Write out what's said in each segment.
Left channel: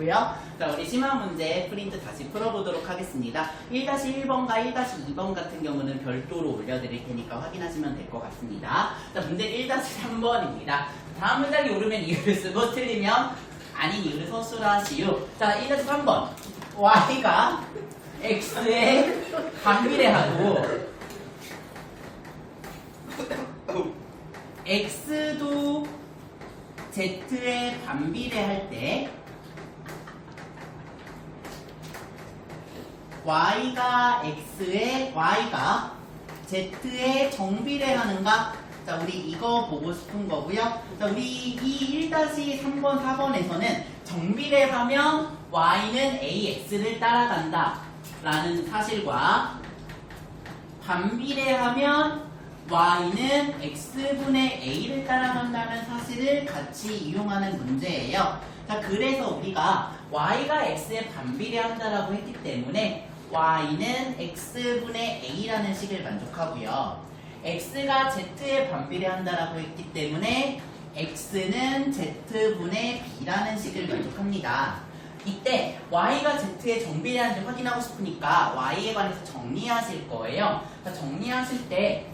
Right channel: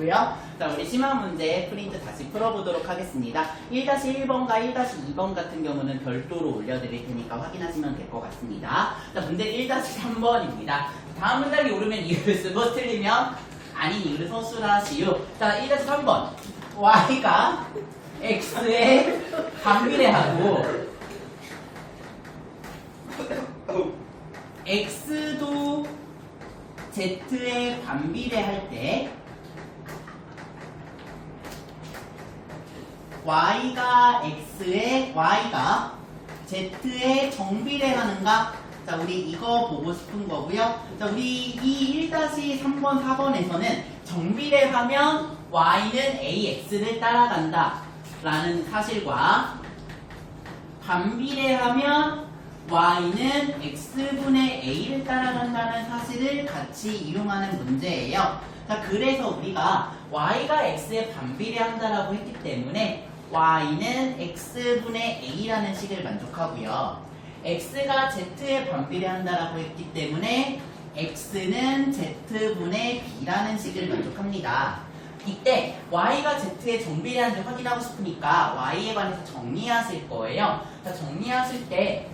마시고요. 자, 우리 심화 문제 프린트 다시 풀어보도록 하겠습니다. 1-1번과 1-2번 같은 경우는 별도로 올려드릴 테니까 확인하시면 될 것 같습니다. 자, 문제 1-3번입니다. 다음 문장이 오르면 이유를 쓰고 틀리면 아닌 이유를 서술하시오. 자, 1-3번. y가 x에 반비례하고 x도 z에 반비례할 때 y가 z에 정비례하는가? 자, 우리 이거 보고 싶은 거고요. 자, 우리 이 1-3번, 4번에서는 정비례하면 y는 ax를 따라간다 라는 사실과 반비례하면 y는 x분의 a를 따라간다는 사실을 같이 이용하는 문제예요. 자, 그래서 우리가 y가 x에 반비례한다라고 했기 때문에 y는 x분의 a라는 식을 만족하고요. x가 z에 반비례한다라고 했기 때문에 x는 z분의 b라는 식을 만족합니다. 이때 y가 z에 정비례하는지 확인하고 싶으니까 y에 관해서 정리하실 거예요. 자, 정리하실 때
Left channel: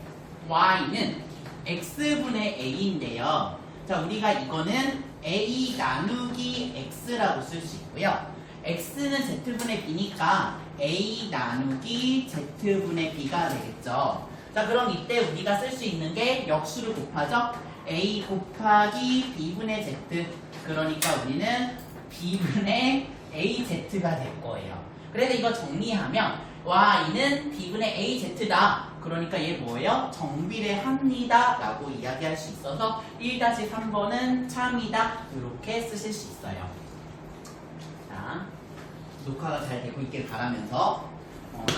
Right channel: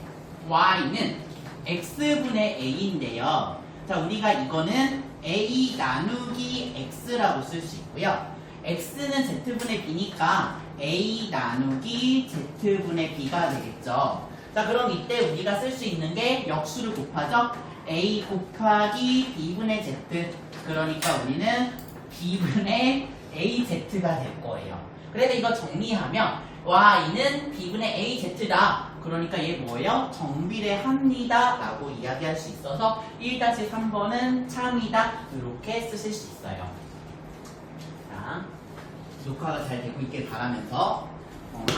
y는 x분의 a인데요. 자, 우리가 이거는 a 나누기 x라고 쓸 수 있고요. x는 z분의 b니까 a 나누기 z분의 b가 되겠죠. 자, 그럼 이때 우리가 쓸 수 있는 게 역수를 곱하죠. a 곱하기 b분의 z. 그러니까 우리는 b분의 az가 될 거예요. 그래서 이거 정리하면 y는 b분의 az다. 그러니까 얘 뭐예요? 정비례합니다 라고 이야기할 수 있어서 1-3번은 참이다 이렇게 쓰실 수 있어요. 자, 녹화가 잘 되고 있길 바라면서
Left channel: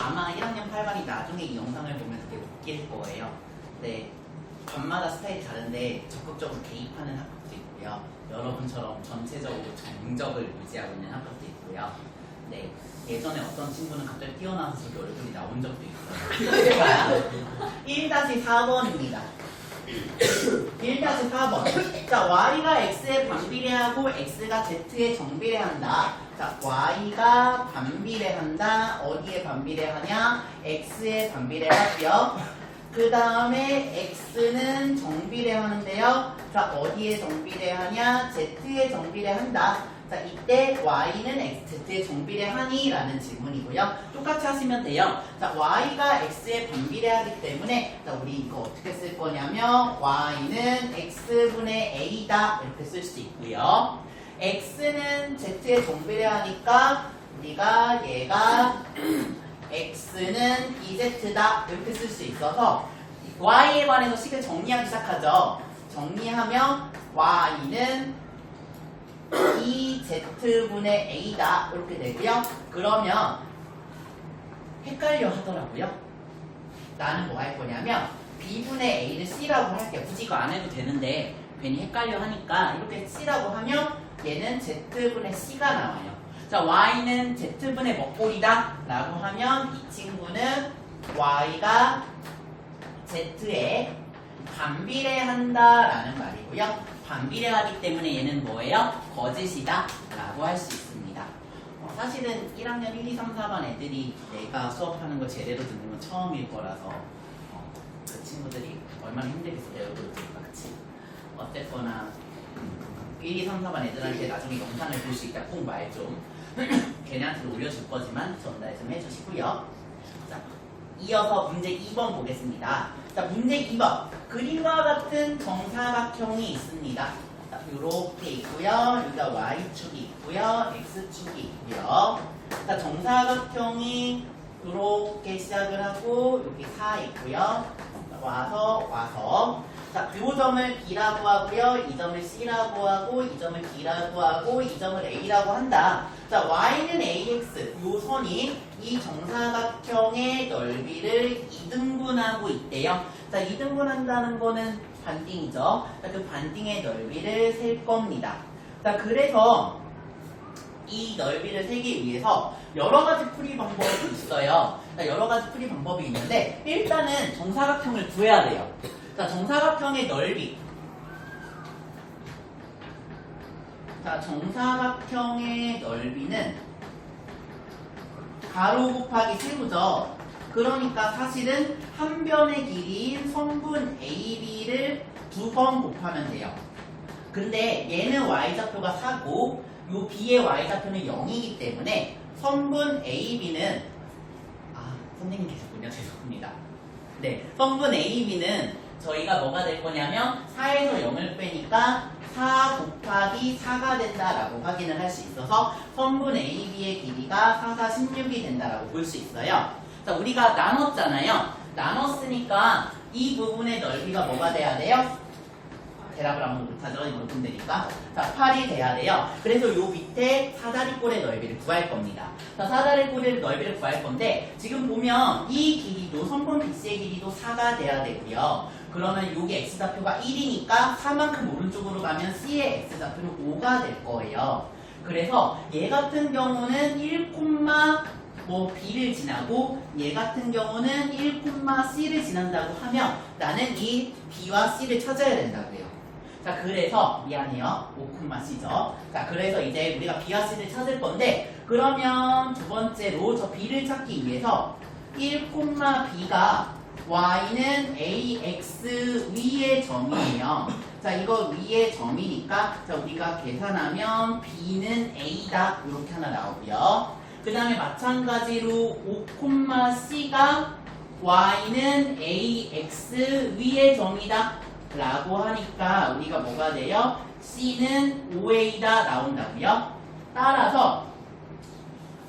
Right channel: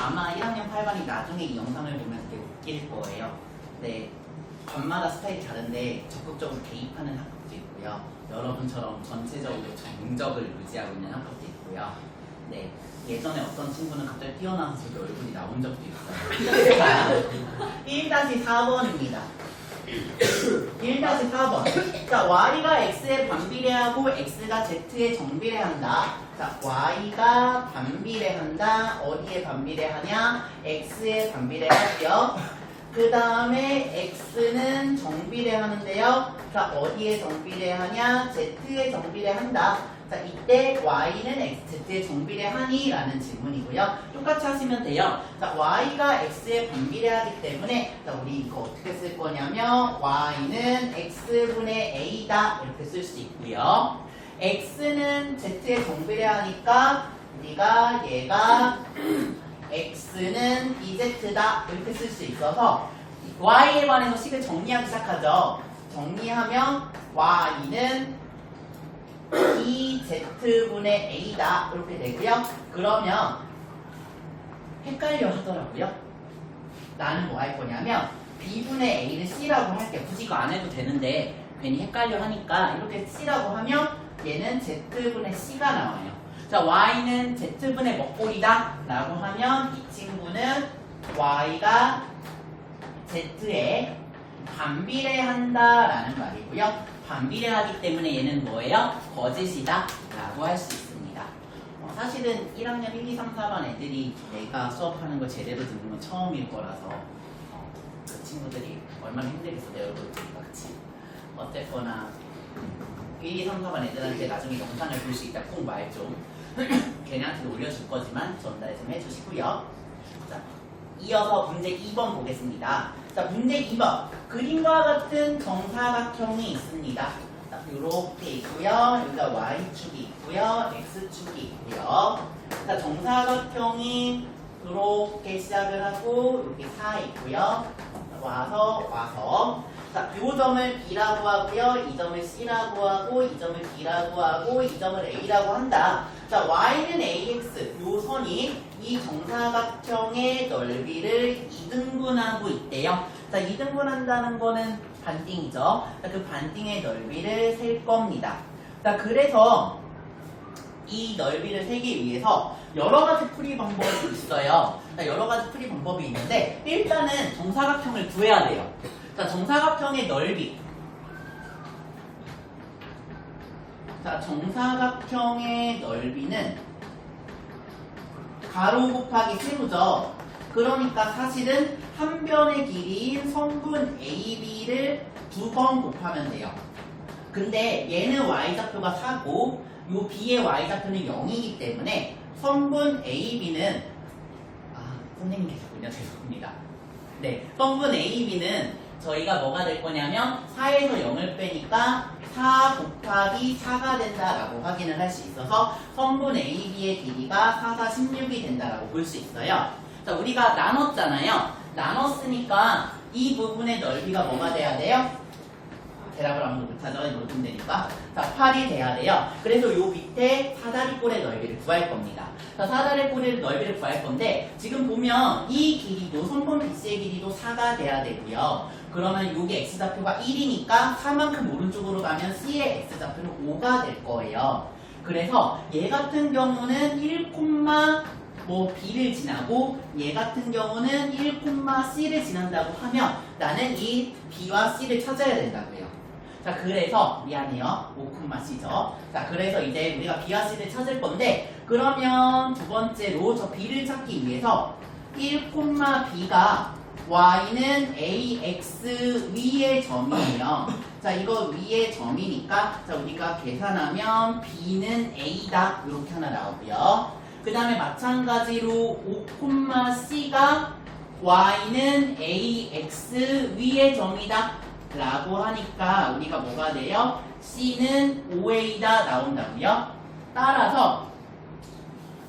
아마 1학년 8반이 나중에 이 영상을 보면서 되게 웃길 거예요. 네, 반마다 스타일이 다른데 적극적으로 개입하는 학급도 있고요. 여러분처럼 전체적으로 정적을 유지하고 있는 학급도 있고요. 네, 예전에 어떤 친구는 갑자기 뛰어나와서 저기 얼굴이 나온 적도 있어요. 1-4번입니다. 1-4번. 자, y가 x에 반비례하고 x가 z에 정비례한다. 자, y가 반비례한다. 어디에 반비례하냐? x에 반비례하고요. 그 다음에 x는 정비례하는데요. 자, 어디에 정비례하냐? z에 정비례한다. 자, 이때 y는 z에 정비례하니? 라는 질문이고요. 똑같이 하시면 돼요. 자, y가 x에 반비례하기 때문에 자, 우리 이거 어떻게 쓸 거냐면 y는 x분의 a다 이렇게 쓸 수 있고요. x는 z에 정비례하니까 우리가 얘가 x는 bz다 이렇게 쓸 수 있어서 y에 관해서 식을 정리하기 시작하죠. 정리하면 y는 bz분의 a다 이렇게 되고요. 그러면 헷갈려 하더라고요. 나는 뭐 할 거냐면 b분의 a를 c라고 할게. 굳이 이거 안 해도 되는데 괜히 헷갈려 하니까 이렇게 c라고 하면 얘는 z분의 c가 나와요. 자, y는 z분의 먹골이다 라고 하면 이 친구는 y가 z에 반비례한다 라는 말이고요. 반비례하기 때문에 얘는 뭐예요? 거짓이다 라고 할 수 있습니다. 사실은 1학년 1, 2, 3, 4반 애들이 내가 수업하는 거 제대로 듣는 건 처음일 거라서 그 친구들이 얼마나 힘들겠어 내 얼굴을 보니까. 그치? 어쨌거나 1, 2, 3, 4반 애들한테 나중에 영상을 볼 수 있다 꼭 말 좀. 걔네한테도 올려줄 거지만 전달 좀 해주시고요. 자, 이어서 문제 2번 보겠습니다. 자, 문제 2번. 그림과 같은 정사각형이 있습니다. 자, 이렇게 있고요. 여기가 y축이 있고요. x축이 있고요. 자, 정사각형이 이렇게 시작을 하고 여기 4 있고요. 와서 자, 이 점을 B라고 하고요. 이 점을 C라고 하고 이 점을 D라고 하고 이 점을 A라고 한다. 자, Y는 AX 요 선이 이 정사각형의 넓이를 2등분하고 있대요. 자, 2등분한다는 거는 반띵이죠. 자, 그 반띵의 넓이를 셀 겁니다. 자, 그래서 이 넓이를 세기 위해서 여러 가지 풀이 방법이 있어요. 자, 여러 가지 풀이 방법이 있는데 일단은 정사각형을 구해야 돼요. 자, 정사각형의 넓이 자, 정사각형의 넓이는 가로 곱하기 세로죠. 그러니까 사실은 한 변의 길이인 성분 AB를 2번 곱하면 돼요. 근데 얘는 y좌표가 4고 요 B의 y좌표는 0이기 때문에 성분 AB는 선생님 계셨군요. 죄송합니다. 네, 성분 AB는 저희가 뭐가 될 거냐면 4에서 0을 빼니까 4 곱하기 4가 된다라고 확인을 할 수 있어서 성분 AB의 길이가 4, 4, 16이 된다라고 볼 수 있어요. 자, 우리가 나눴잖아요. 나눴으니까 이 부분의 넓이가 뭐가 돼야 돼요? 대답을 아무도 못하죠. 높은 데니까. 자, 8이 돼야 돼요. 그래서 요 밑에 사다리꼴의 넓이를 구할 겁니다. 자, 사다리꼴의 넓이를 구할 건데 지금 보면 이 길이도 성분 BC의 길이도 4가 돼야 되고요. 그러면 요게 X좌표가 1이니까 4만큼 오른쪽으로 가면 C의 X좌표는 5가 될 거예요. 그래서 얘 같은 경우는 1, B를 지나고 얘 같은 경우는 1, C를 지난다고 하면 나는 이 B와 C를 찾아야 된다고요. 자, 그래서 미안해요. 5,C죠. 자, 그래서 이제 우리가 B와 C를 찾을 건데 그러면 두 번째로 저 B를 찾기 위해서 1, B가 Y는 AX 위의 점이에요. 자, 이거 위의 점이니까 자, 우리가 계산하면 B는 A다 이렇게 하나 나오고요. 그 다음에 마찬가지로 5,C가 Y는 AX 위의 점이다 라고 하니까 우리가 뭐가 돼요? C는 5A다 나온다고요. 따라서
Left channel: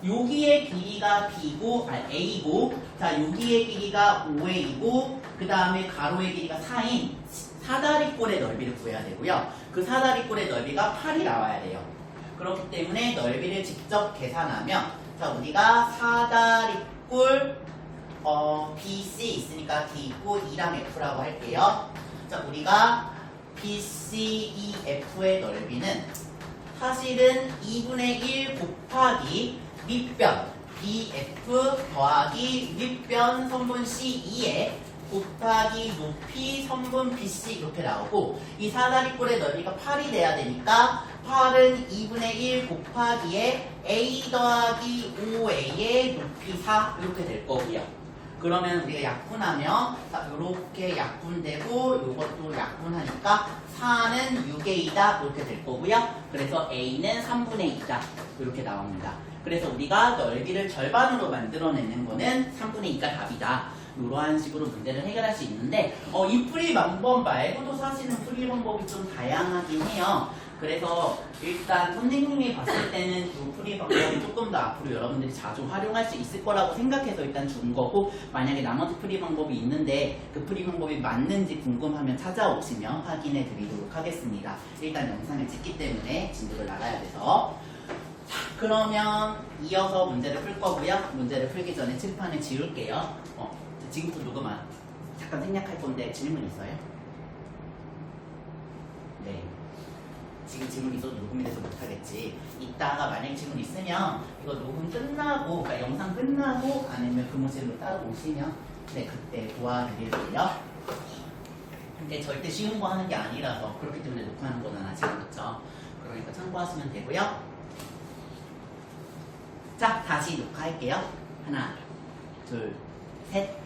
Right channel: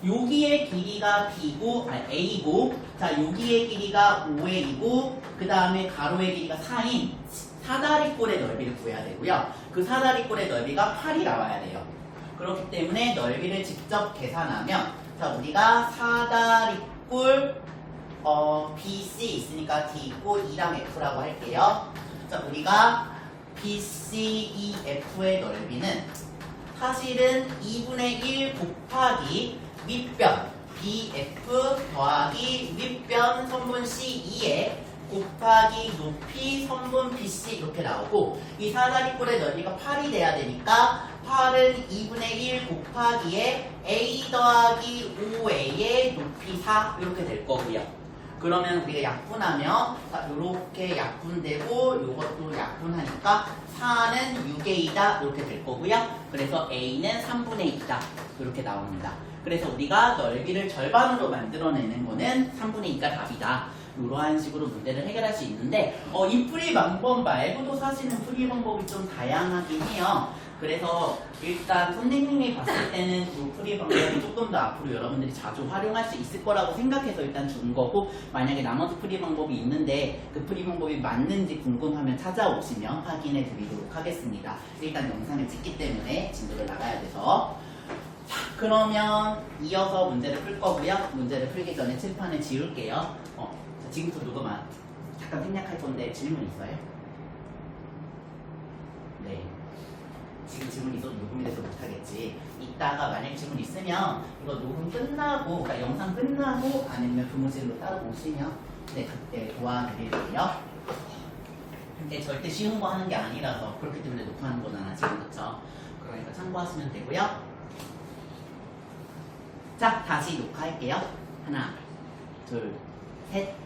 여기의 길이가 A고 자, 여기의 길이가 5A고 그 다음에 가로의 길이가 4인 사다리꼴의 넓이를 구해야 되고요. 그 사다리꼴의 넓이가 8이 나와야 돼요. 그렇기 때문에 넓이를 직접 계산하면 자, 우리가 사다리꼴 BC 있으니까 D 있고 E랑 F라고 할게요. 자, 우리가 BCEF의 넓이는 사실은 2분의 1 곱하기 윗변 BF 더하기 윗변 선분 CE에 곱하기 높이 선분 BC 이렇게 나오고 이 사다리꼴의 넓이가 8이 돼야 되니까 8은 2분의 1 곱하기에 A 더하기 5A의 높이 4 이렇게 될 거고요. 그러면 우리가 약분하면 이렇게 약분되고 이것도 약분하니까 4는 6A다 이렇게 될 거고요. 그래서 A는 3분의 2다 이렇게 나옵니다. 그래서 우리가 넓이를 절반으로 만들어내는 거는 3분의 2가 답이다. 이러한 식으로 문제를 해결할 수 있는데 이 풀이 방법 말고도 사실은 풀이 방법이 좀 다양하긴 해요. 그래서 일단 선생님이 봤을 때는 이 풀이 방법이 조금 더 앞으로 여러분들이 자주 활용할 수 있을 거라고 생각해서 일단 준 거고 만약에 나머지 풀이 방법이 있는데 그 풀이 방법이 맞는지 궁금하면 찾아오시면 확인해 드리도록 하겠습니다. 일단 영상을 찍기 때문에 진도를 나가야 돼서 자, 그러면 이어서 문제를 풀 거고요. 문제를 풀기 전에 칠판을 지울게요. 지금부터 녹음한 잠깐 생략할 건데 질문 있어요? 네. 지금 이거 녹음돼서 못하겠지. 이따가 만약 질문 있으면 이거 녹음 끝나고, 그러니까 영상 끝나고 아니면 교무실로 따로 오시면 네, 그때 도와드릴게요. 근데 절대 쉬운 거 하는 게 아니라서 그렇기 때문에 녹화하는 거잖아 지금부터. 그러니까 참고하시면 되고요. 자, 다시 녹화할게요. 하나, 둘, 셋.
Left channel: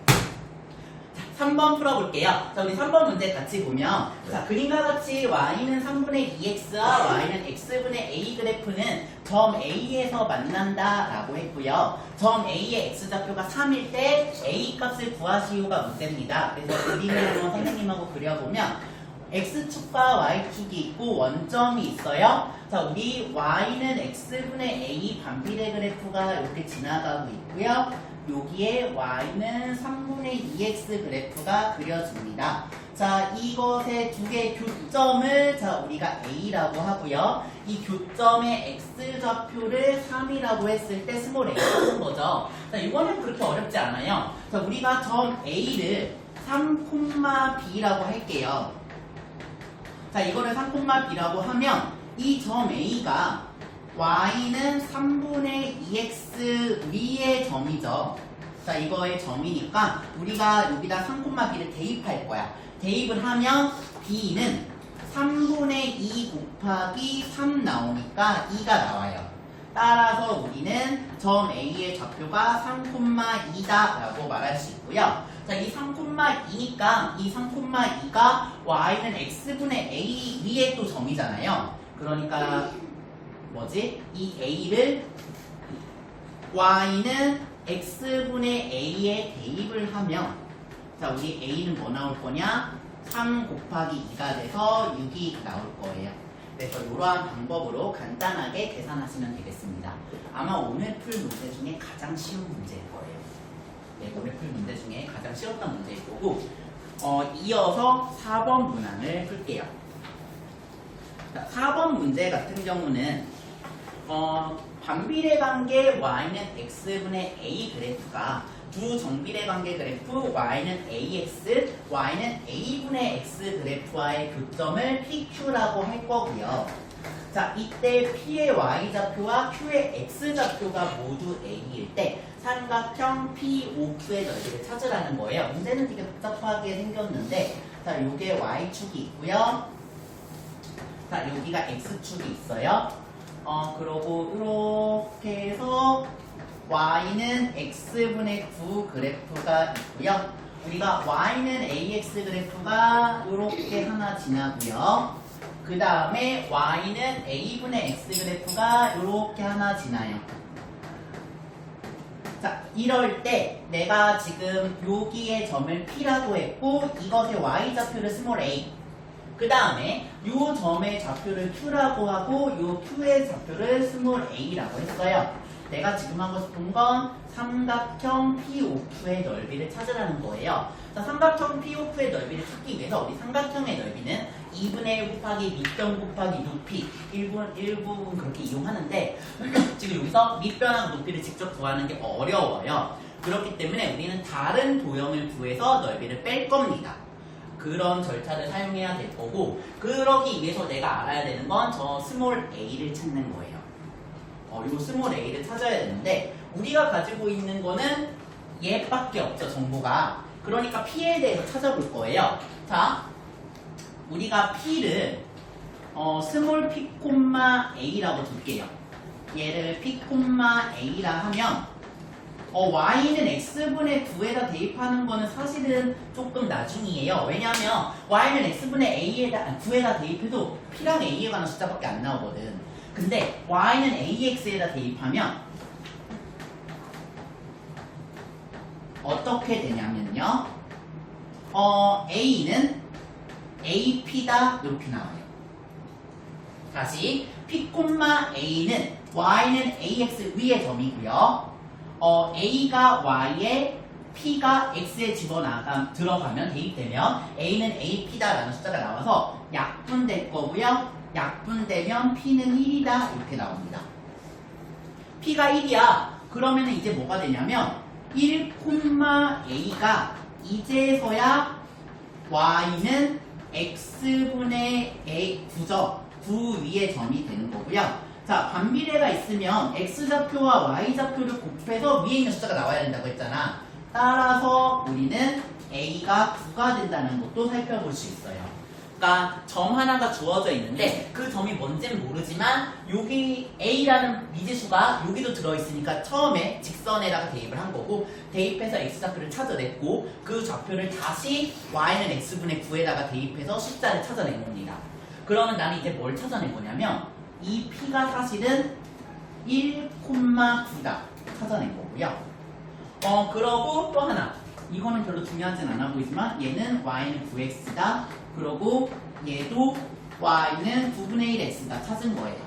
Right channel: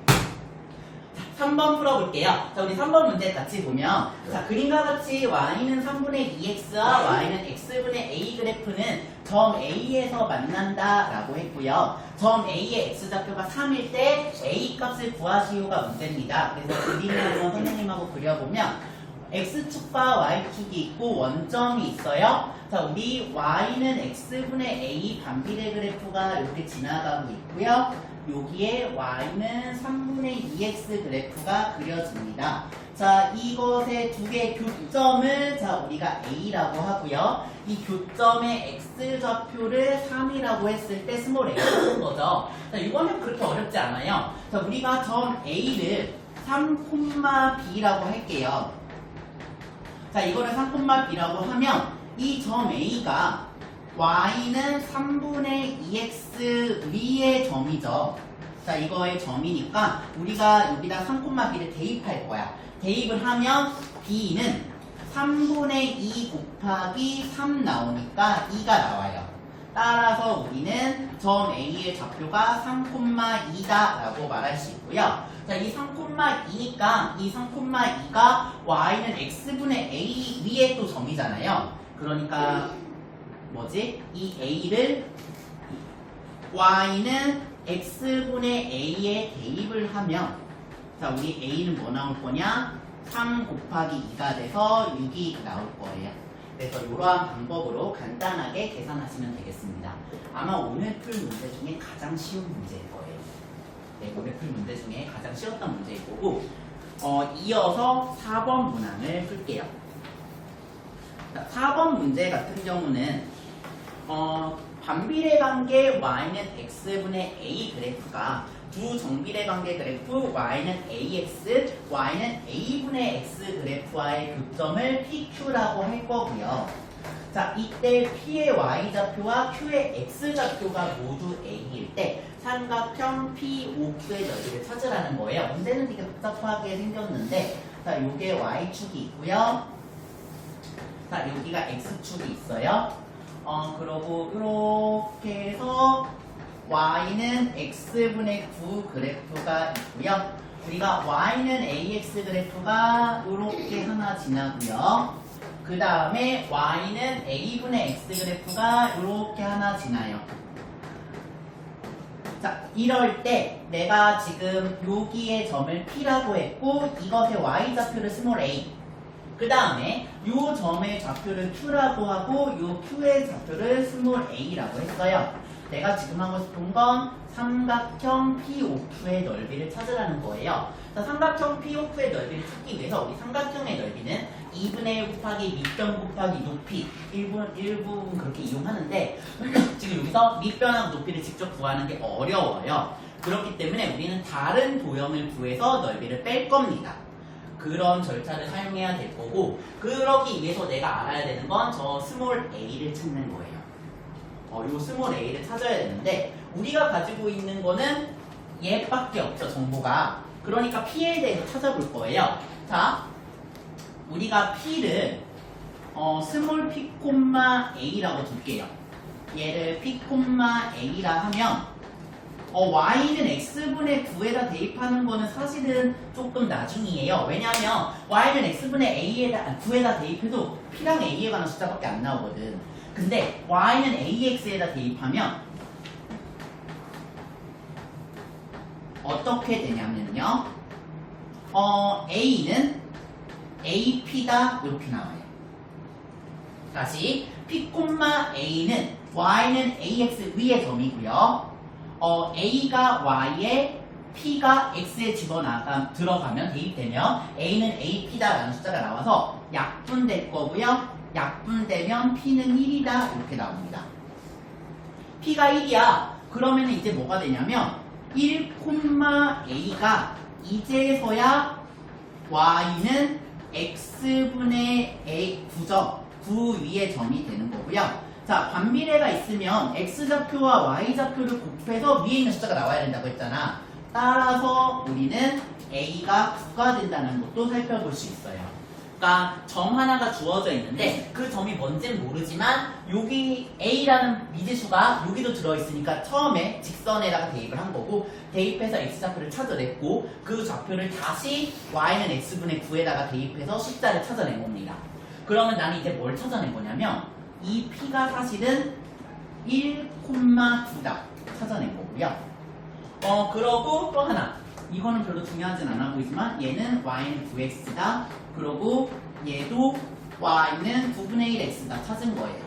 3번 풀어볼게요. 자, 우리 3번 문제 같이 보면 자, 그림과 같이 y는 3분의 2x와 y는 x분의 a 그래프는 점 A에서 만난다 라고 했고요. 점 A의 x좌표가 3일 때 a 값을 구하시오가 문제입니다. 그래서 그림으로 선생님하고 그려보면 x축과 y축이 있고 원점이 있어요. 자, 우리 y는 x분의 a 반비례 그래프가 이렇게 지나가고 있고요. 여기에 y는 3분의 2x 그래프가 그려집니다. 자, 이것의 두 개의 교점을 자, 우리가 a라고 하고요. 이 교점의 x좌표를 3이라고 했을 때 스몰 a라는 거죠. 자, 이거는 그렇게 어렵지 않아요. 자, 우리가 점 a를 3,b라고 할게요. 자, 이거를 3,b라고 하면 이 점 a가 y는 3분의 2x 위의 점이죠. 자, 이거의 점이니까 우리가 여기다 3,b를 대입할 거야. 대입을 하면 b는 3분의 2 곱하기 3 나오니까 2가 나와요. 따라서 우리는 점 A의 좌표가 3,2다 라고 말할 수 있고요. 자, 이 3,2니까 이 3,2가 y는 x분의 a 위에 또 점이잖아요. 그러니까 뭐지? 이 a를 y는 x분의 a에 대입을 하면 자, 우리 a는 뭐 나올 거냐? 3 곱하기 2가 돼서 6이 나올 거예요. 그래서 이러한 방법으로 간단하게 계산하시면 되겠습니다. 아마 오늘 풀 문제 중에 가장 쉬운 문제일 거예요. 네, 오늘 풀 문제 중에 가장 쉬웠던 문제일 거고 이어서 4번 문항을 풀게요. 자, 4번 문제 같은 경우는 반비례 관계 y는 x분의 a 그래프가 두 정비례 관계 그래프 y는 ax, y는 a분의 x 그래프와의 교점을 pq라고 할 거고요. 자, 이때 p의 y좌표와 q의 x좌표가 모두 a일 때 삼각형 POQ의 넓이를 찾으라는 거예요. 문제는 되게 복잡하게 생겼는데 자, 요게 y축이 있고요. 자, 여기가 x축이 있어요. 그러고 이렇게 해서 y는 x분의 9 그래프가 있고요. 우리가 y는 ax 그래프가 이렇게 하나 지나고요. 그 다음에 y는 a분의 x 그래프가 이렇게 하나 지나요. 자, 이럴 때 내가 지금 여기에 점을 P라고 했고 이것의 y좌표를 스몰 a, 그 다음에 이 점의 좌표를 Q라고 하고 이 Q의 좌표를 스몰 a라고 했어요. 내가 지금 하고 싶은 건 삼각형 POQ의 넓이를 찾으라는 거예요. 자, 삼각형 POQ의 넓이를 찾기 위해서 우리 삼각형의 넓이는 2분의 1 곱하기 밑변 곱하기 높이 1분 그렇게 이용하는데 지금 여기서 밑변하고 높이를 직접 구하는 게 어려워요. 그렇기 때문에 우리는 다른 도형을 구해서 넓이를 뺄 겁니다. 그런 절차를 사용해야 될 거고 그러기 위해서 내가 알아야 되는 건 저 스몰 a를 찾는 거예요. 요 스몰 a를 찾아야 되는데 우리가 가지고 있는 거는 얘밖에 없죠, 정보가. 그러니까 p에 대해서 찾아볼 거예요. 자, 우리가 p를 스몰 p, a라고 둘게요. 얘를 p, a라 하면 y는 x분의 9에다 대입하는 거는 사실은 조금 나중이에요. 왜냐하면 y는 x분의 9에다 대입해도 p랑 a에 관한 숫자밖에 안 나오거든. 근데 y는 ax에다 대입하면 어떻게 되냐면요. a는 ap다 이렇게 나와요. 다시 p, a는 y는 ax 위의 점이고요. a가 y에 p가 x에 들어가면 대입되면 a는 ap다라는 숫자가 나와서 약분될 거고요. 약분되면 p는 1이다 이렇게 나옵니다. p가 1이야. 그러면 이제 뭐가 되냐면 1, a가 이제서야 y는 x분의 a 9 위의 점이 되는 거고요. 자, 반비례가 있으면 x좌표와 y좌표를 곱해서 위에 있는 숫자가 나와야 된다고 했잖아. 따라서 우리는 a가 9가 된다는 것도 살펴볼 수 있어요. 그러니까 점 하나가 주어져 있는데 그 점이 뭔지는 모르지만 여기 a라는 미지수가 여기도 들어있으니까 처음에 직선에다가 대입을 한 거고 대입해서 x좌표를 찾아냈고 그 좌표를 다시 y는 x분의 9에다가 대입해서 숫자를 찾아낸 겁니다. 그러면 나는 이제 뭘 찾아낸 거냐면 이 p가 사실은 1,9다 찾아낸 거고요. 그러고 또 하나, 이거는 별로 중요하진 않아 보이지만 얘는 y는 9x다. 그러고 얘도 y는 9분의 1x다 찾은 거예요.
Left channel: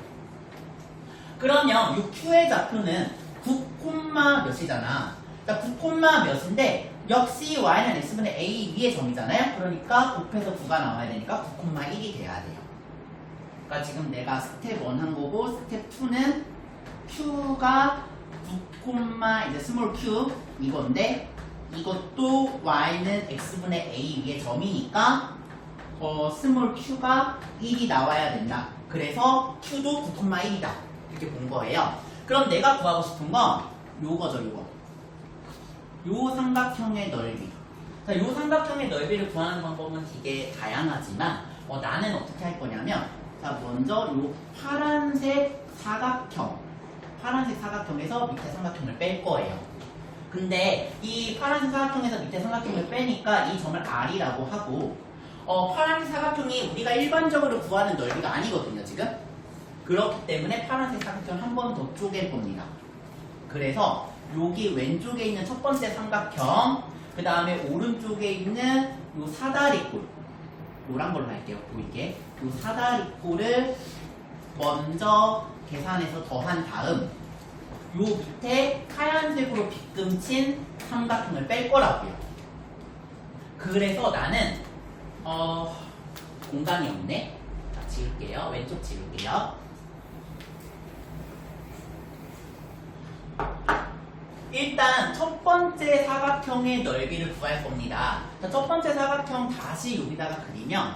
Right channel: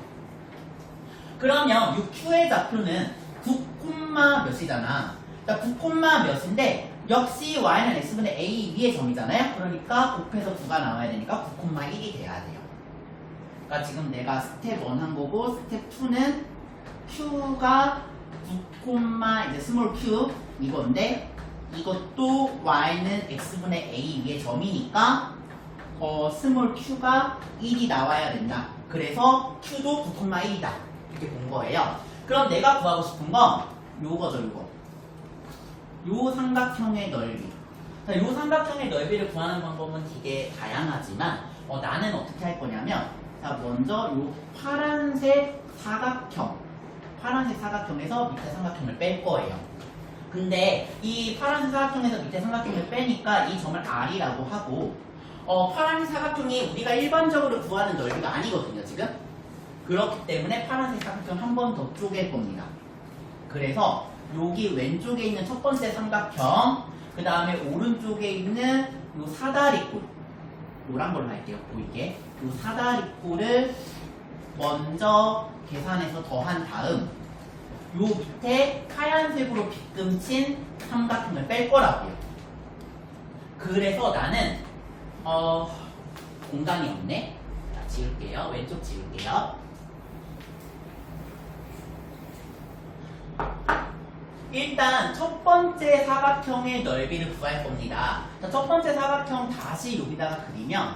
그러면 이 q의 좌표는 9, 몇이잖아. 그러니까 9, 몇인데 역시 y는 x분의 a 위의 점이잖아요. 그러니까 곱해서 9가 나와야 되니까 9,1이 돼야 돼요. 그러니까 지금 내가 스텝 1 한 거고 스텝 2는 q가 9, 이제 스몰 q 이건데 이것도 y는 x분의 a 위의 점이니까 스몰 q가 1이 나와야 된다. 그래서 q도 9,1이다. 이렇게 본 거예요. 그럼 내가 구하고 싶은 건 요거죠, 요거. 요 삼각형의 넓이. 자, 요 삼각형의 넓이를 구하는 방법은 되게 다양하지만 나는 어떻게 할 거냐면 자 먼저 요 파란색 사각형에서 밑에 삼각형을 뺄 거예요. 근데 이 파란색 사각형에서 밑에 삼각형을 빼니까 이 점을 R이라고 하고 파란색 사각형이 우리가 일반적으로 구하는 넓이가 아니거든요 지금. 그렇기 때문에 파란색 사각형 한 번 더 쪼갤 겁니다. 그래서 여기 왼쪽에 있는 첫 번째 삼각형, 그 다음에 오른쪽에 있는 요 사다리꼴, 노란 걸로 할게요 보이게. 요 사다리꼴을 먼저 계산해서 더한 다음 요 밑에 하얀색으로 빗금친 삼각형을 뺄 거라고요. 그래서 나는 공간이 없네. 자, 지울게요. 왼쪽 지울게요. 일단 첫 번째 사각형의 넓이를 구할 겁니다. 자, 첫 번째 사각형 다시 여기다가 그리면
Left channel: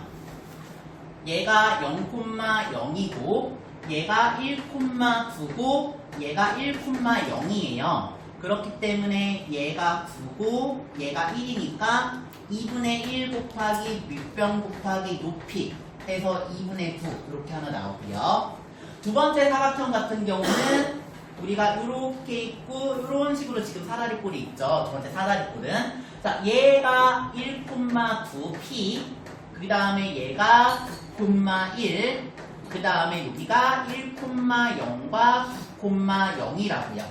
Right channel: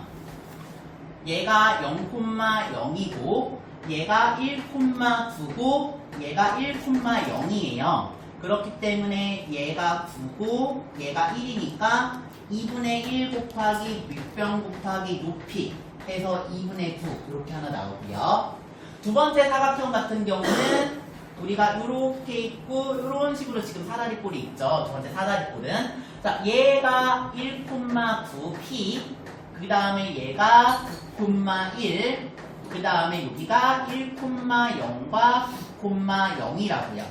얘가 0,0이고 얘가 1,9고 얘가 1,0이에요. 그렇기 때문에 얘가 9고 얘가 1이니까 2분의 1 곱하기 밑변 곱하기 높이 해서 2분의 9 이렇게 하나 나오고요. 두 번째 사각형 같은 경우는 우리가 이렇게 있고 이런 식으로 지금 사다리꼴이 있죠. 두 번째 사다리꼴은 자 얘가 1,9p 그 다음에 얘가 9,1 그 다음에 여기가 1,0과 9,0이라고요.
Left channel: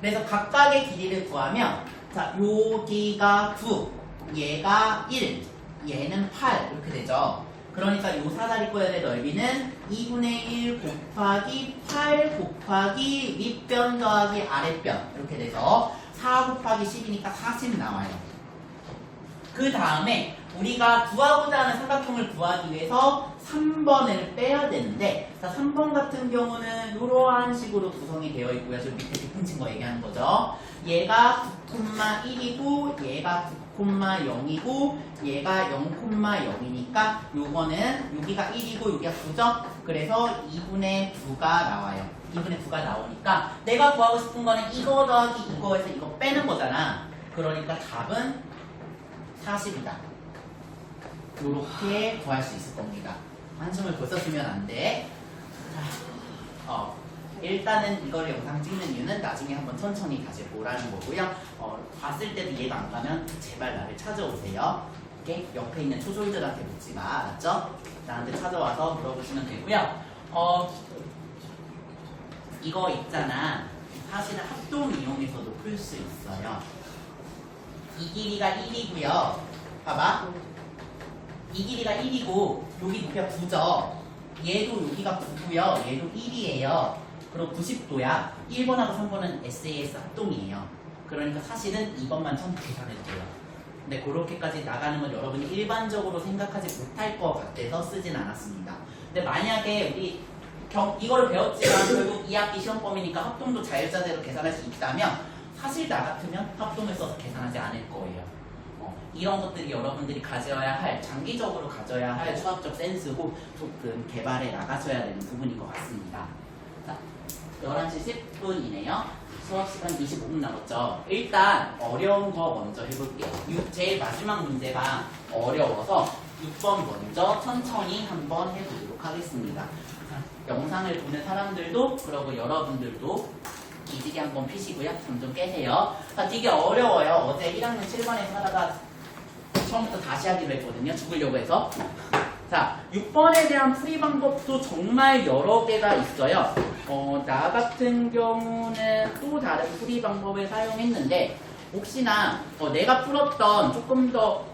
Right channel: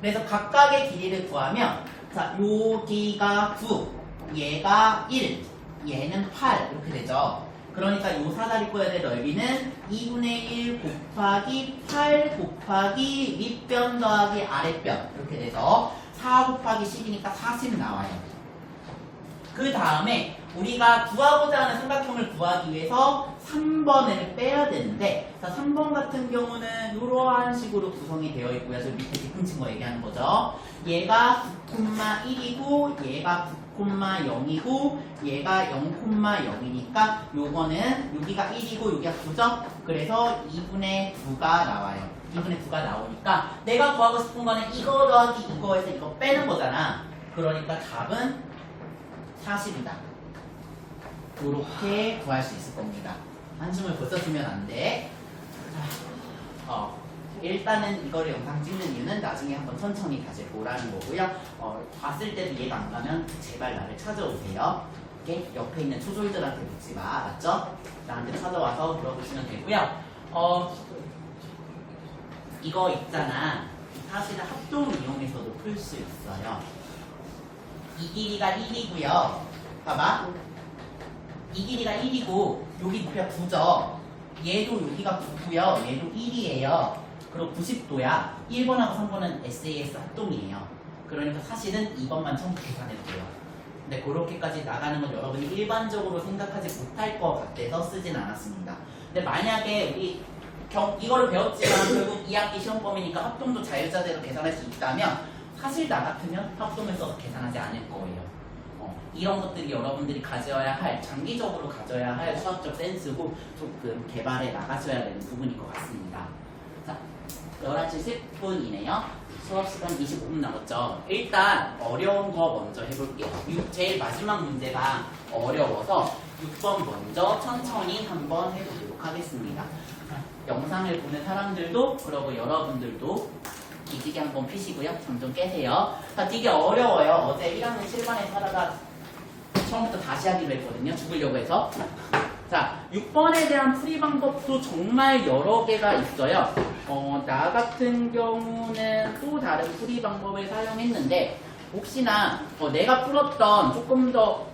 그래서 각각의 길이를 구하면 자 여기가 9 얘가 1 얘는 8 이렇게 되죠. 그러니까 이 사다리꼴의 넓이는 2분의 1 곱하기 8 곱하기 밑변 더하기 아랫변 이렇게 돼서 4 곱하기 10이니까 40 나와요. 그 다음에 우리가 구하고자 하는 삼각형을 구하기 위해서 3번을 빼야 되는데 자 3번 같은 경우는 이러한 식으로 구성이 되어 있고요. 저 밑에 뒷pun친 거 얘기하는 거죠. 얘가 9,1이고 얘가 9,0이고 얘가 0,0이니까 요거는 여기가 1이고 여기가 9죠? 그래서 2분의 9가 나와요. 2분의 9가 나오니까 내가 구하고 싶은 거는 이거 더하기 이거에서 이거 빼는 거잖아. 그러니까 답은 40이다. 요렇게 구할 수 있을 겁니다. 한숨을 벌써 쉬면 안 돼. 일단은 이거를 영상 찍는 이유는 나중에 한번 천천히 다시 보라는 거고요. 봤을 때도 이해가 안 가면 제발 나를 찾아오세요. 이렇게 옆에 있는 초조이들한테 묻지 마. 알았죠? 나한테 찾아와서 물어보시면 되고요. 이거 있잖아. 사실은 합동 이용해서도 풀 수 있어요. 이 길이가 1이고요. 봐봐. 이 길이가 1이고 여기 높이가 9죠. 얘도 여기가 9고요. 얘도 1이에요. 그리고 90도야. 1번하고 3번은 SAS 합동이에요. 그러니까 사실은 2번만 처음부터 계산해도 돼요. 근데 그렇게까지 나가는 건 여러분이 일반적으로 생각하지 못할 것 같아서 쓰진 않았습니다. 근데 만약에 우리 이거를 배웠지만 결국 2학기 시험 범위니까 합동도 자유자재로 계산할 수 있다면 사실 나 같으면 합동을 써서 계산하지 않을 거예요. 이런 것들이 여러분들이 가져야 할, 장기적으로 가져야 할 수학적 센스고 조금 개발해 나가셔야 되는 부분인 것 같습니다. 자, 11시 10분이네요. 수업시간 25분 남았죠. 일단 어려운 거 먼저 해볼게요. 제일 마지막 문제가 어려워서 6번 먼저 천천히 한번 해보도록 하겠습니다. 자, 영상을 보는 사람들도 그러고 여러분들도 기지개 한번 피시고요. 잠 좀 깨세요. 자, 되게 어려워요. 어제 1학년 7반에서 하다가 처음부터 다시 하기로 했거든요. 죽으려고 해서. 자, 6번에 대한 풀이 방법도 정말 여러 개가 있어요. 나 같은 경우는 또 다른 풀이 방법을 사용했는데 혹시나 내가 풀었던 조금 더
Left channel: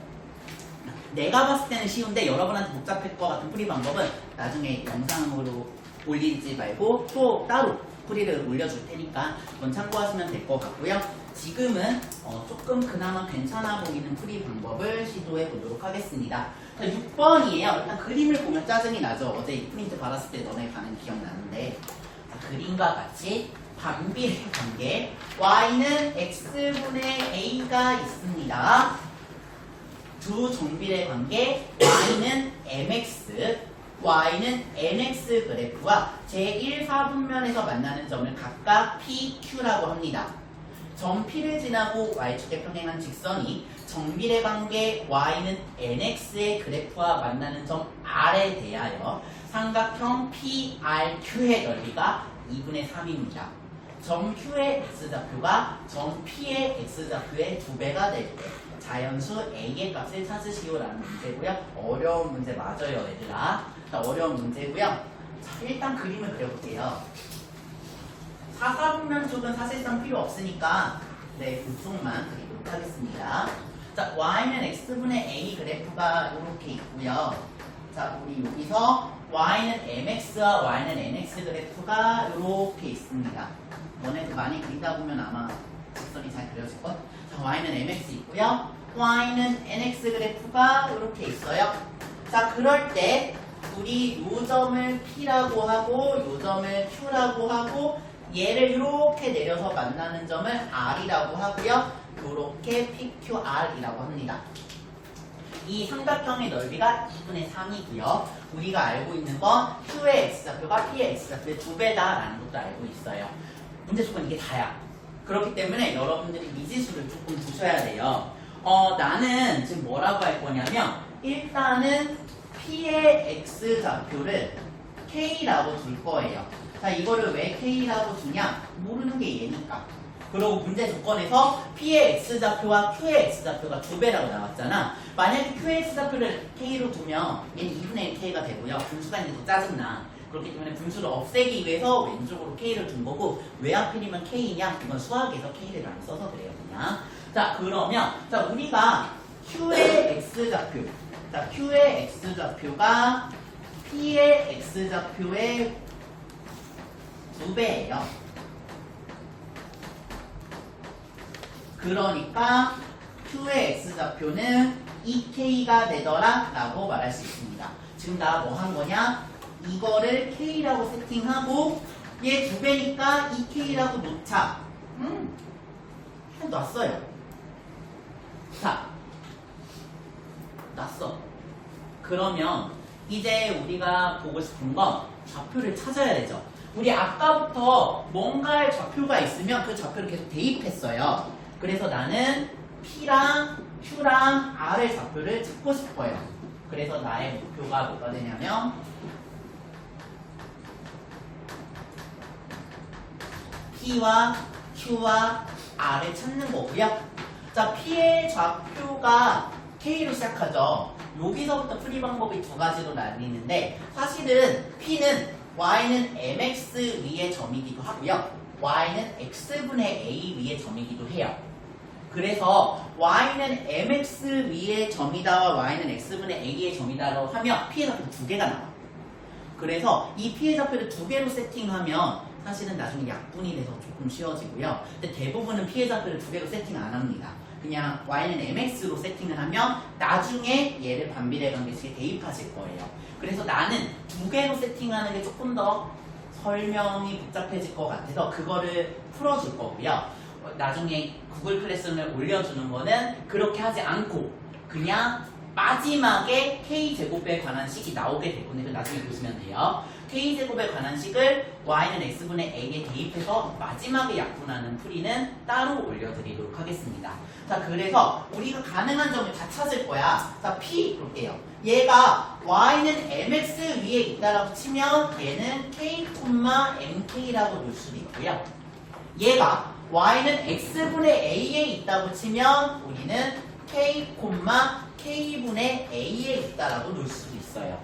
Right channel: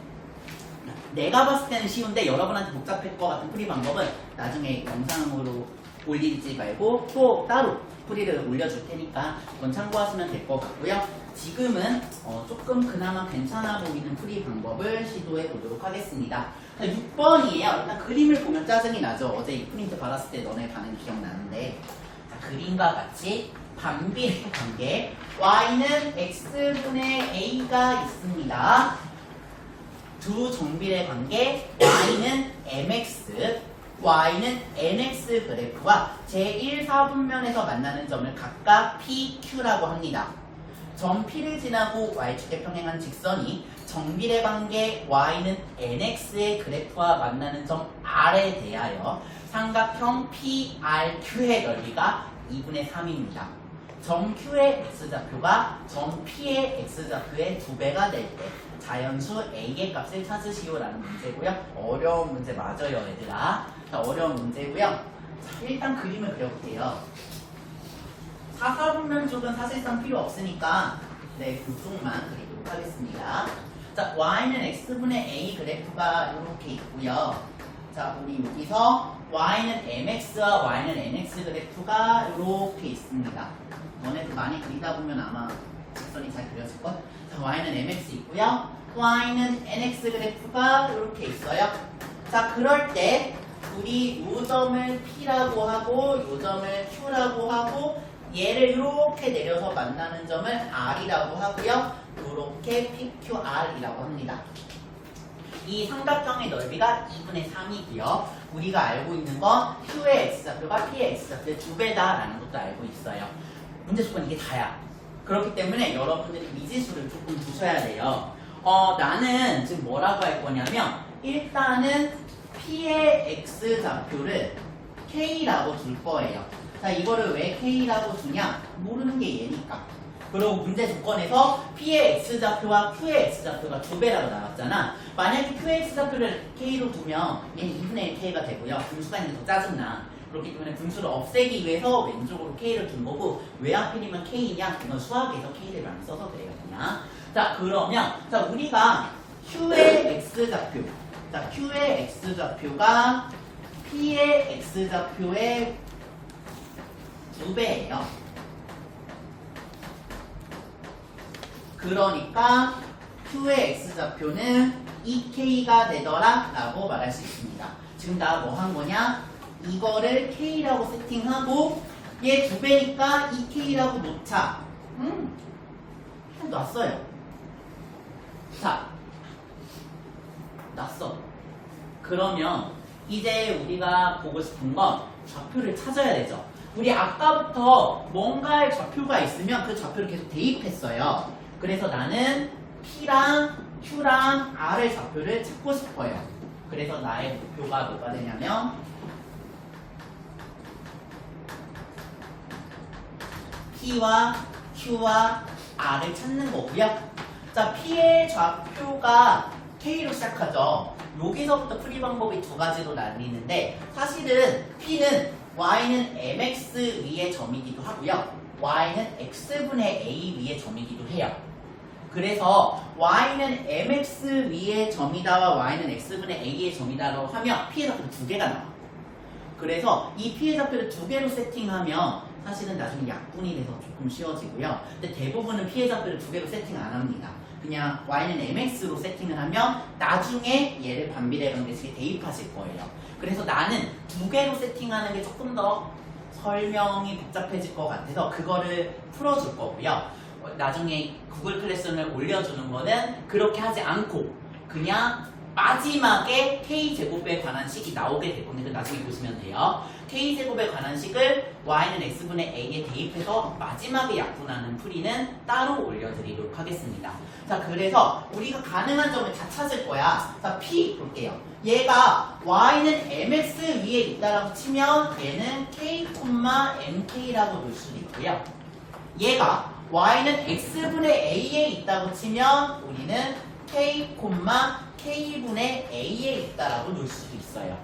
내가 봤을 때는 쉬운데 여러분한테 복잡할 것 같은 풀이 방법은 나중에 영상으로 올리지 말고 또 따로 풀이를 올려줄 테니까 그건 참고하시면 될 것 같고요. 지금은 조금 그나마 괜찮아 보이는 풀이 방법을 시도해 보도록 하겠습니다. 6번이에요. 일단 그림을 보면 짜증이 나죠. 어제 이 프린트 받았을 때 너네 반응 기억나는데 자, 그림과 같이 반비례 관계 y는 x분의 a가 있습니다. 두 정비례 관계 y는 mx y는 nx 그래프와 제1, 4분면에서 만나는 점을 각각 PQ라고 합니다. 점 P를 지나고 Y축에 평행한 직선이 정비례 관계 y는 nx의 그래프와 만나는 점 r에 대하여 삼각형 PRQ의 넓이가 2분의 3입니다. 점 Q의 x좌표가 점 P의 x좌표의 2배가 될 때 자연수 A의 값을 찾으시오라는 문제고요. 어려운 문제 맞아요, 얘들아. 자, 어려운 문제고요. 자, 일단 그림을 그려볼게요. 사사분면 쪽은 사실상 필요 없으니까 네, 그쪽만 그리도록 하겠습니다. 자, y는 x분의 a 그래프가 이렇게 있고요. 자, 우리 여기서 y는 mx와 y는 nx 그래프가 이렇게 있습니다. 너네도 많이 그리다 보면 아마 직선이 잘 그려질걸? 자, y는 mx 있고요. y는 nx 그래프가 이렇게 있어요. 자, 그럴 때 우리 요 점을 p라고 하고 요 점을 q라고 하고 얘를 이렇게 내려서 만나는 점을 r이라고 하고요. 이렇게 pqr이라고 합니다. 이 삼각형의 넓이가 2분의 3이고요. 우리가 알고 있는 건 q의 x좌표가 p의 x좌표의 2배다라는 것도 알고 있어요. 문제 조건 이게 다야. 그렇기 때문에 여러분들이 미지수를 조금 두셔야 돼요. 나는 지금 뭐라고 할 거냐면 일단은 p의 x좌표를 k라고 둘 거예요. 자, 이거를 왜 k라고 두냐? 모르는 게 얘니까. 그리고 문제 조건에서 p의 x좌표와 q의 x좌표가 2배라고 나왔잖아. 만약에 q의 x좌표를 k로 두면 얘는 2분의 1k가 되고요. 분수가 있는 게 더 짜증나. 그렇기 때문에 분수를 없애기 위해서 왼쪽으로 k를 둔 거고 왜 하필이면 k냐? 이건 수학에서 k를 많이 써서 그래요, 그냥. 자, 그러면 자, 우리가 q의 x좌표, 자, q의 x좌표가 p의 x좌표의 2배예요. 그러니까 q의 x좌표는 2k가 되더라 라고 말할 수 있습니다. 지금 나 뭐 한 거냐? 이거를 k라고 세팅하고 얘 2배니까 2k라고 놓자. 그냥 놨어요. 자, 놨어. 그러면 이제 우리가 보고 싶은 건 좌표를 찾아야 되죠. 우리 아까부터 뭔가의 좌표가 있으면 그 좌표를 계속 대입했어요. 그래서 나는 P랑 Q랑 R의 좌표를 찾고 싶어요. 그래서 나의 목표가 뭐가 되냐면 P와 Q와 R을 찾는 거고요. 자, P의 좌표가 K로 시작하죠. 여기서부터 풀이 방법이 2가지로 나뉘는데 사실은 P는 y는 mx 위의 점이기도 하고요. y는 x분의 a 위의 점이기도 해요. 그래서 y는 mx 위의 점이다와 y는 x분의 a의 점이다라고 하면 p의 좌표가 2개가 나와. 그래서 이 p의 좌표를 2개로 세팅하면 사실은 나중에 약분이 돼서 조금 쉬워지고요. 근데 대부분은 p의 좌표를 2개로 세팅 안 합니다. 그냥 y는 mx로 세팅을 하면 나중에 얘를 반비례 관계식에 대입하실 거예요. 그래서 나는 2개로 세팅하는 게 조금 더 설명이 복잡해질 것 같아서 그거를 풀어줄 거고요. 나중에 구글 클래스룸을 올려주는 거는 그렇게 하지 않고 그냥 마지막에 k제곱에 관한 식이 나오게 될 건데 나중에 보시면 돼요. k제곱에 관한 식을 y는 x분의 a에 대입해서 마지막에 약분하는 풀이는 따로 올려드리도록 하겠습니다. 자, 그래서 우리가 가능한 점을 다 찾을 거야. 자, p 볼게요. 얘가 y는 mx 위에 있다라고 치면 얘는 k, mk라고 놓을 수도 있고요. 얘가 y는 x분의 a에 있다고 치면 우리는 k, k분의 a에 있다라고 놓을 수도 있어요.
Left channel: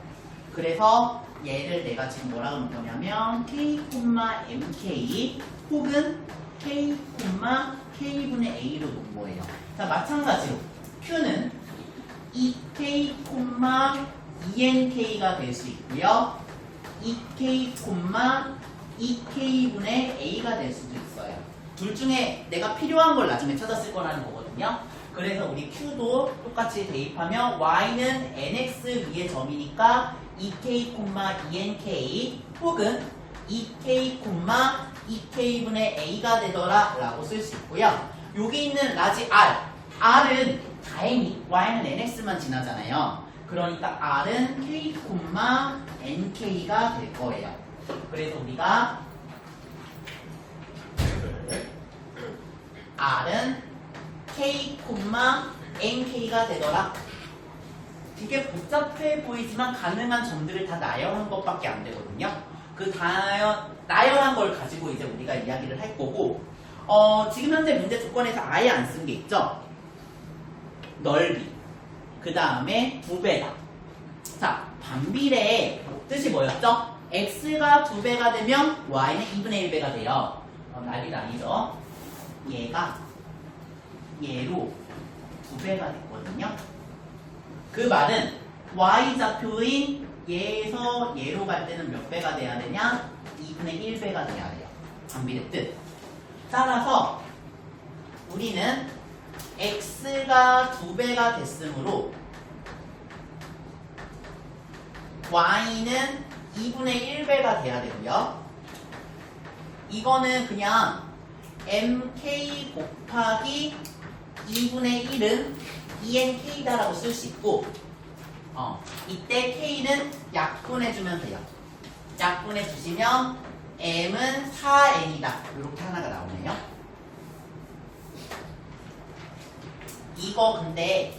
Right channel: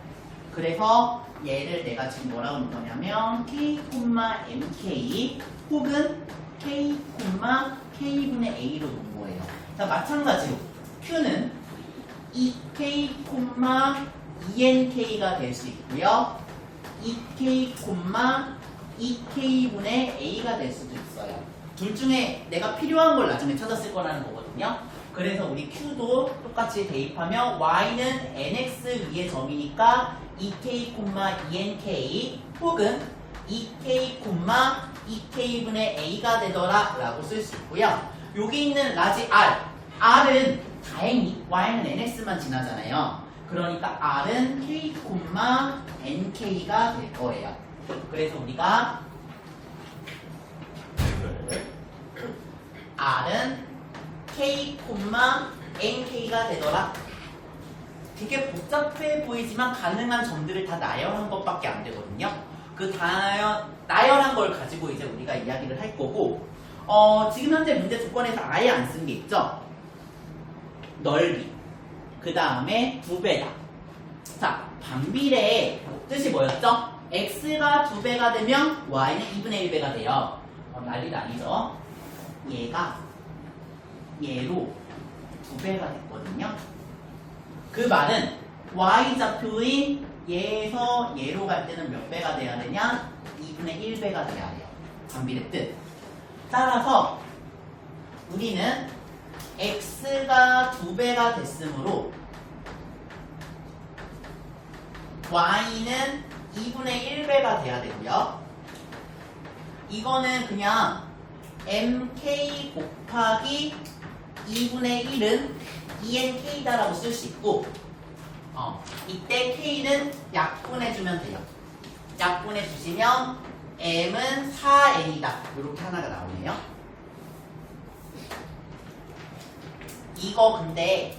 그래서 얘를 내가 지금 뭐라고 놓은 거냐면 k, mk 혹은 k, k분의 a로 놓은 거예요. 자, 마찬가지로 q는 2k, 2nk가 될 수 있고요. 2k, 2k분의 a가 될 수도 있어요. 둘 중에 내가 필요한 걸 나중에 찾았을 거라는 거거든요. 그래서 우리 q도 똑같이 대입하면 y는 nx 위의 점이니까 2k, 2nk 혹은 2k, 2k분의 a가 되더라 라고 쓸 수 있고요. 여기 있는 라지 r, r은 다행히 y는 nx만 지나잖아요. 그러니까 r은 k, nk가 될 거예요. 그래서 우리가 r은 k, nk가 되더라. 되게 복잡해 보이지만 가능한 점들을 다 나열하는 것밖에 안 되거든요. 그 나열한 걸 가지고 이제 우리가 이야기를 할 거고, 지금 현재 문제 조건에서 아예 안 쓴 게 있죠. 넓이. 그 다음에 2배다. 자, 반비례의 뜻이 뭐였죠? x가 2배가 되면 y는 2분의 1배가 돼요. 난리도 아니죠. 얘가 얘로 2배가 됐거든요. 그 말은 y좌표인 얘에서 얘로 갈 때는 몇 배가 돼야 되냐? 2분의 1배가 돼야 돼요. 반비례 뜻. 따라서 우리는 x가 2배가 됐으므로 y는 2분의 1배가 돼야 되고요. 이거는 그냥 mk 곱하기 2분의 1은 2nk다라고 쓸 수 있고, 이때 k는 약분해주면 돼요. 약분해주시면 m은 4n이다. 이렇게 하나가 나오네요. 이거 근데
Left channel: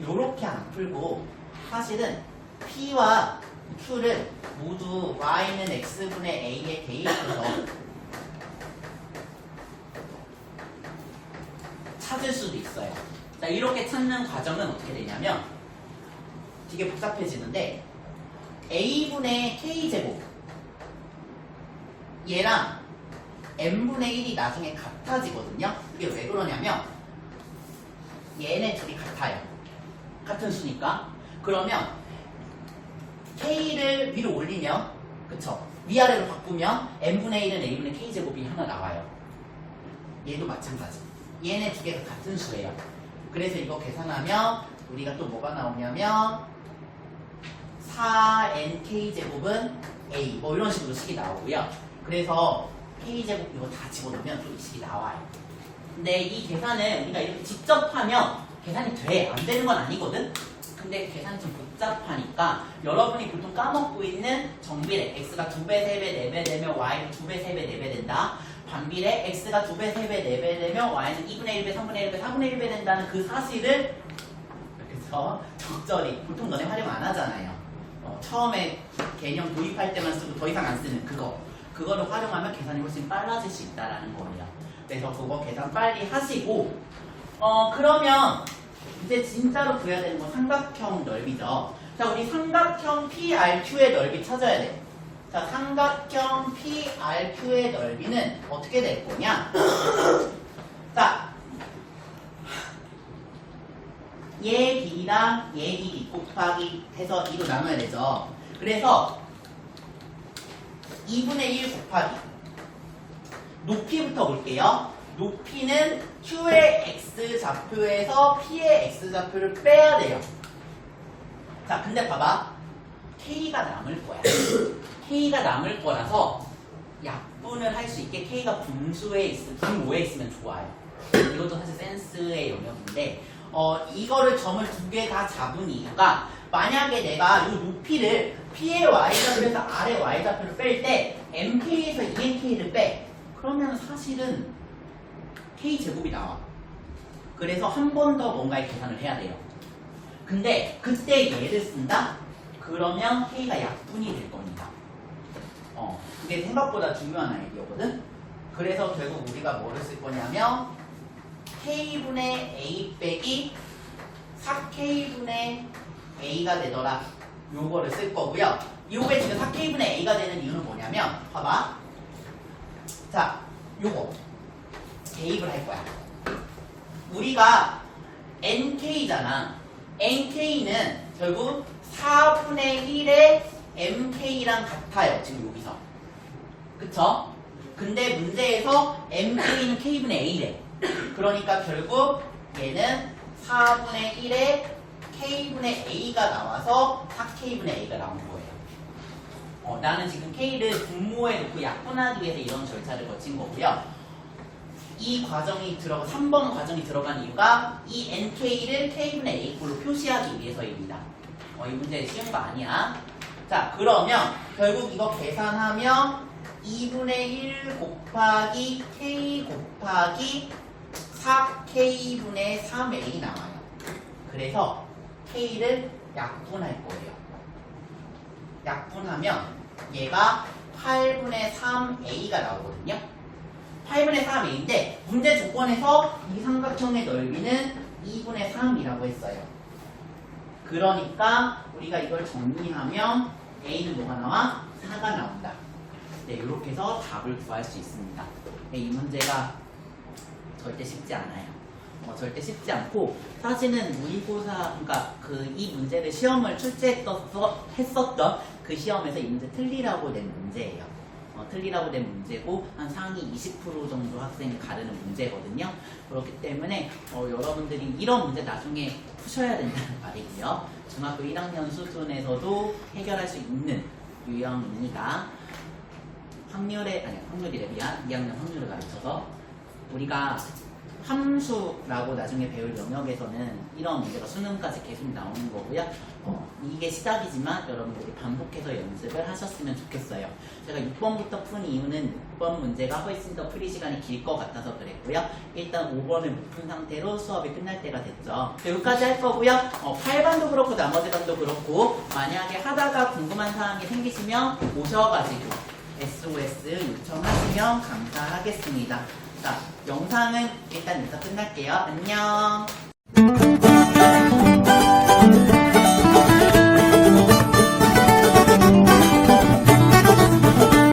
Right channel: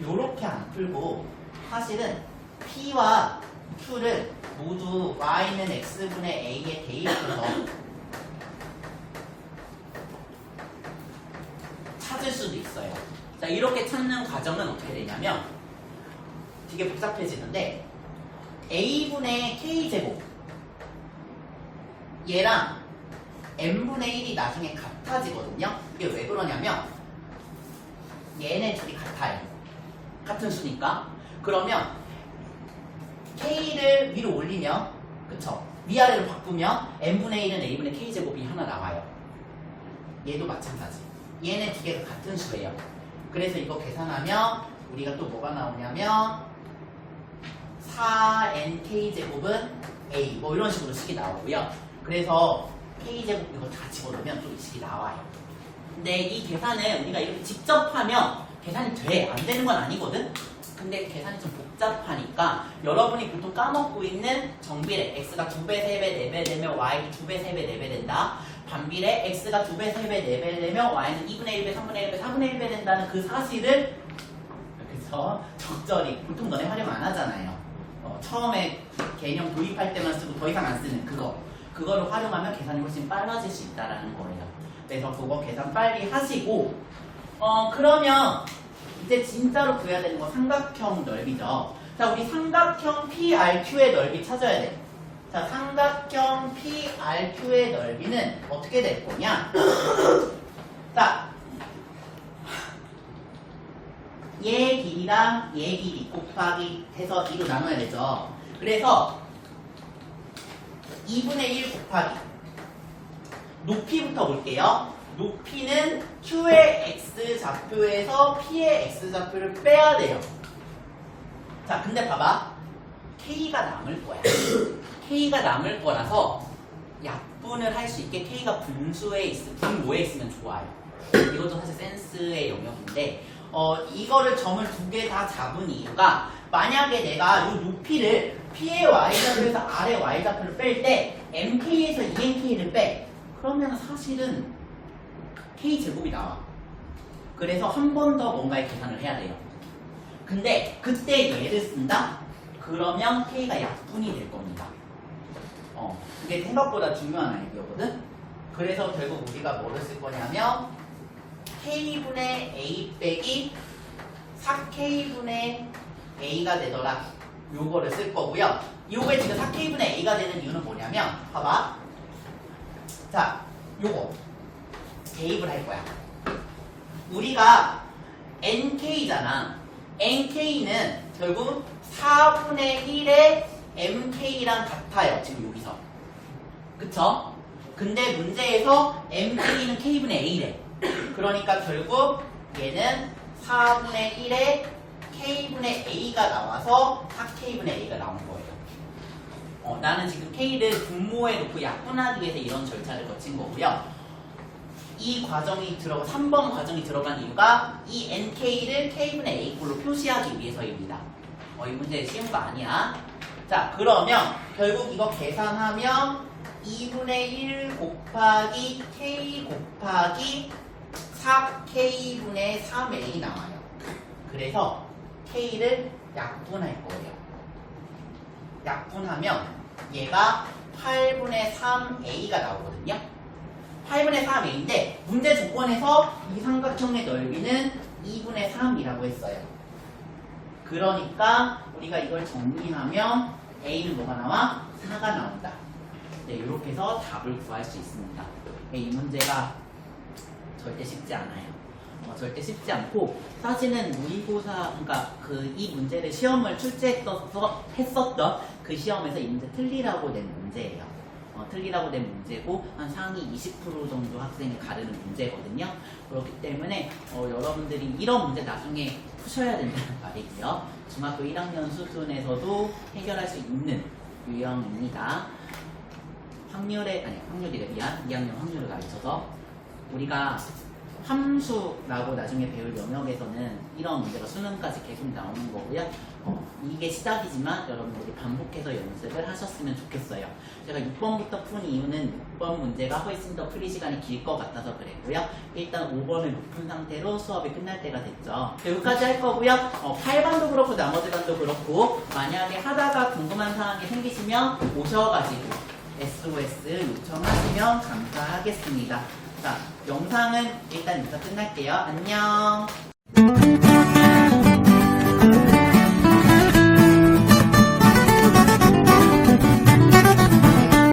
이렇게 안 풀고 사실은 p와 q를 모두 y는 x분의 a에 대입해서 찾을 수도 있어요. 자, 이렇게 찾는 과정은 어떻게 되냐면 되게 복잡해지는데 a분의 k제곱 얘랑 n분의 1이 나중에 같아지거든요. 이게 왜 그러냐면 얘네 둘이 같아요. 같은 수니까. 그러면 k를 위로 올리면, 그쵸? 위아래로 바꾸면 n분의 1은 a분의 k제곱이 하나 나와요. 얘도 마찬가지. 얘네 두 개가 같은 수예요. 그래서 이거 계산하면 우리가 또 뭐가 나오냐면 4nk제곱은 a 뭐 이런 식으로 식이 나오고요. 그래서 k제곱 이거 다 집어넣으면 또 이 식이 나와요. 근데 이 계산은 우리가 이렇게 직접 하면 계산이 돼. 안 되는 건 아니거든? 근데 계산이 좀 복잡하니까 여러분이 보통 까먹고 있는 정비례 x가 2배, 3배, 4배 되면 y는 2배, 3배, 4배 된다. 반비례 x가 2배, 3배, 4배 되면 y는 2분의 1배, 3분의 1배, 4분의 1배 된다는 그 사실을 그래서 적절히 보통 너네 활용 안 하잖아요. 처음에 개념 도입할 때만 쓰고 더 이상 안 쓰는 그거를 활용하면 계산이 훨씬 빨라질 수 있다는 거예요. 그래서 그거 계산 빨리 하시고 그러면 이제 진짜로 구해야 되는 건 삼각형 넓이죠. 자, 우리 삼각형 PRQ의 넓이 찾아야 돼. 자, 삼각형 PRQ의 넓이는 어떻게 될 거냐? 자, 얘 길이랑 얘 길이 곱하기 해서 2로 나눠야 되죠. 그래서 2분의 1 곱하기 높이부터 볼게요. 높이는 Q의 X좌표에서 P의 X좌표를 빼야 돼요. 자, 근데 봐봐. K가 남을 거야. K가 남을 거라서 약분을 할 수 있게 K가 분모에 있으면 좋아요. 이것도 사실 센스의 영역인데 이거를 점을 두 개 다 잡은 이유가 만약에 내가 이 높이를 P의 Y좌표에서 R의 Y좌표를 뺄 때 MK에서 ENK를 빼. 그러면 사실은 K제곱이 나와. 그래서 한 번 더 뭔가의 계산을 해야 돼요. 근데 그때 얘를 쓴다? 그러면 K가 약분이 될 겁니다. 그게 생각보다 중요한 아이디어거든? 그래서 결국 우리가 뭐를 쓸 거냐면 K분의 A 빼기 4K분의 A가 되더라. 요거를 쓸 거고요. 요거에 지금 4K분의 A가 되는 이유는 뭐냐면 봐봐. 자, 요거 대입을 할 거야. 우리가 NK잖아. NK는 결국 4분의 1의 MK랑 같아요. 지금 여기서. 그쵸? 근데 문제에서 MK는 K분의 A래. 그러니까 결국 얘는 4분의 1의 K분의 A가 나와서 4K분의 A가 나온 거예요. 나는 지금 K를 분모에 놓고 약분하기 위해서 이런 절차를 거친 거고요. 이 과정이 3번 과정이 들어간 이유가 이 NK를 K분의 A꼴로 표시하기 위해서입니다. 이 문제 쉬운 거 아니야. 자, 그러면 결국 이거 계산하면 2분의 1 곱하기 K 곱하기 4K분의 3A 나와요. 그래서 K를 약분할 거예요. 약분하면 얘가 8분의 3A가 나오거든요. 8분의 3A인데 문제 조건에서 이 삼각형의 넓이는 2분의 3이라고 했어요. 그러니까 우리가 이걸 정리하면 A는 뭐가 나와? 4가 나온다. 네, 이렇게 해서 답을 구할 수 있습니다. 네, 이 문제가 절대 쉽지 않아요. 절대 쉽지 않고 사실은 모의고사 그러니까 이 문제를 시험을 출제했었던 그 시험에서 이 문제 틀리라고 낸 문제예요. 틀리라고 된 문제고 한 상위 20% 정도 학생이 가르는 문제거든요. 그렇기 때문에 여러분들이 이런 문제 나중에 푸셔야 된다는 말이고요. 중학교 1학년 수준에서도 해결할 수 있는 유형입니다. 확률이래 미안. 2학년 확률을 가르쳐서 우리가 함수라고 나중에 배울 영역에서는 이런 문제가 수능까지 계속 나오는 거고요. 이게 시작이지만 여러분들이 반복해서 연습을 하셨으면 좋겠어요. 제가 6번부터 푼 이유는 6번 문제가 훨씬 더 풀이 시간이 길 것 같아서 그랬고요. 일단 5번을 못 푼 상태로 수업이 끝날 때가 됐죠. 여기까지 할 거고요. 8반도 그렇고 나머지 반도 그렇고 만약에 하다가 궁금한 사항이 생기시면 오셔가지고 SOS 요청하시면 감사하겠습니다. 자, 영상은 일단 여기서 끝날게요. 안녕.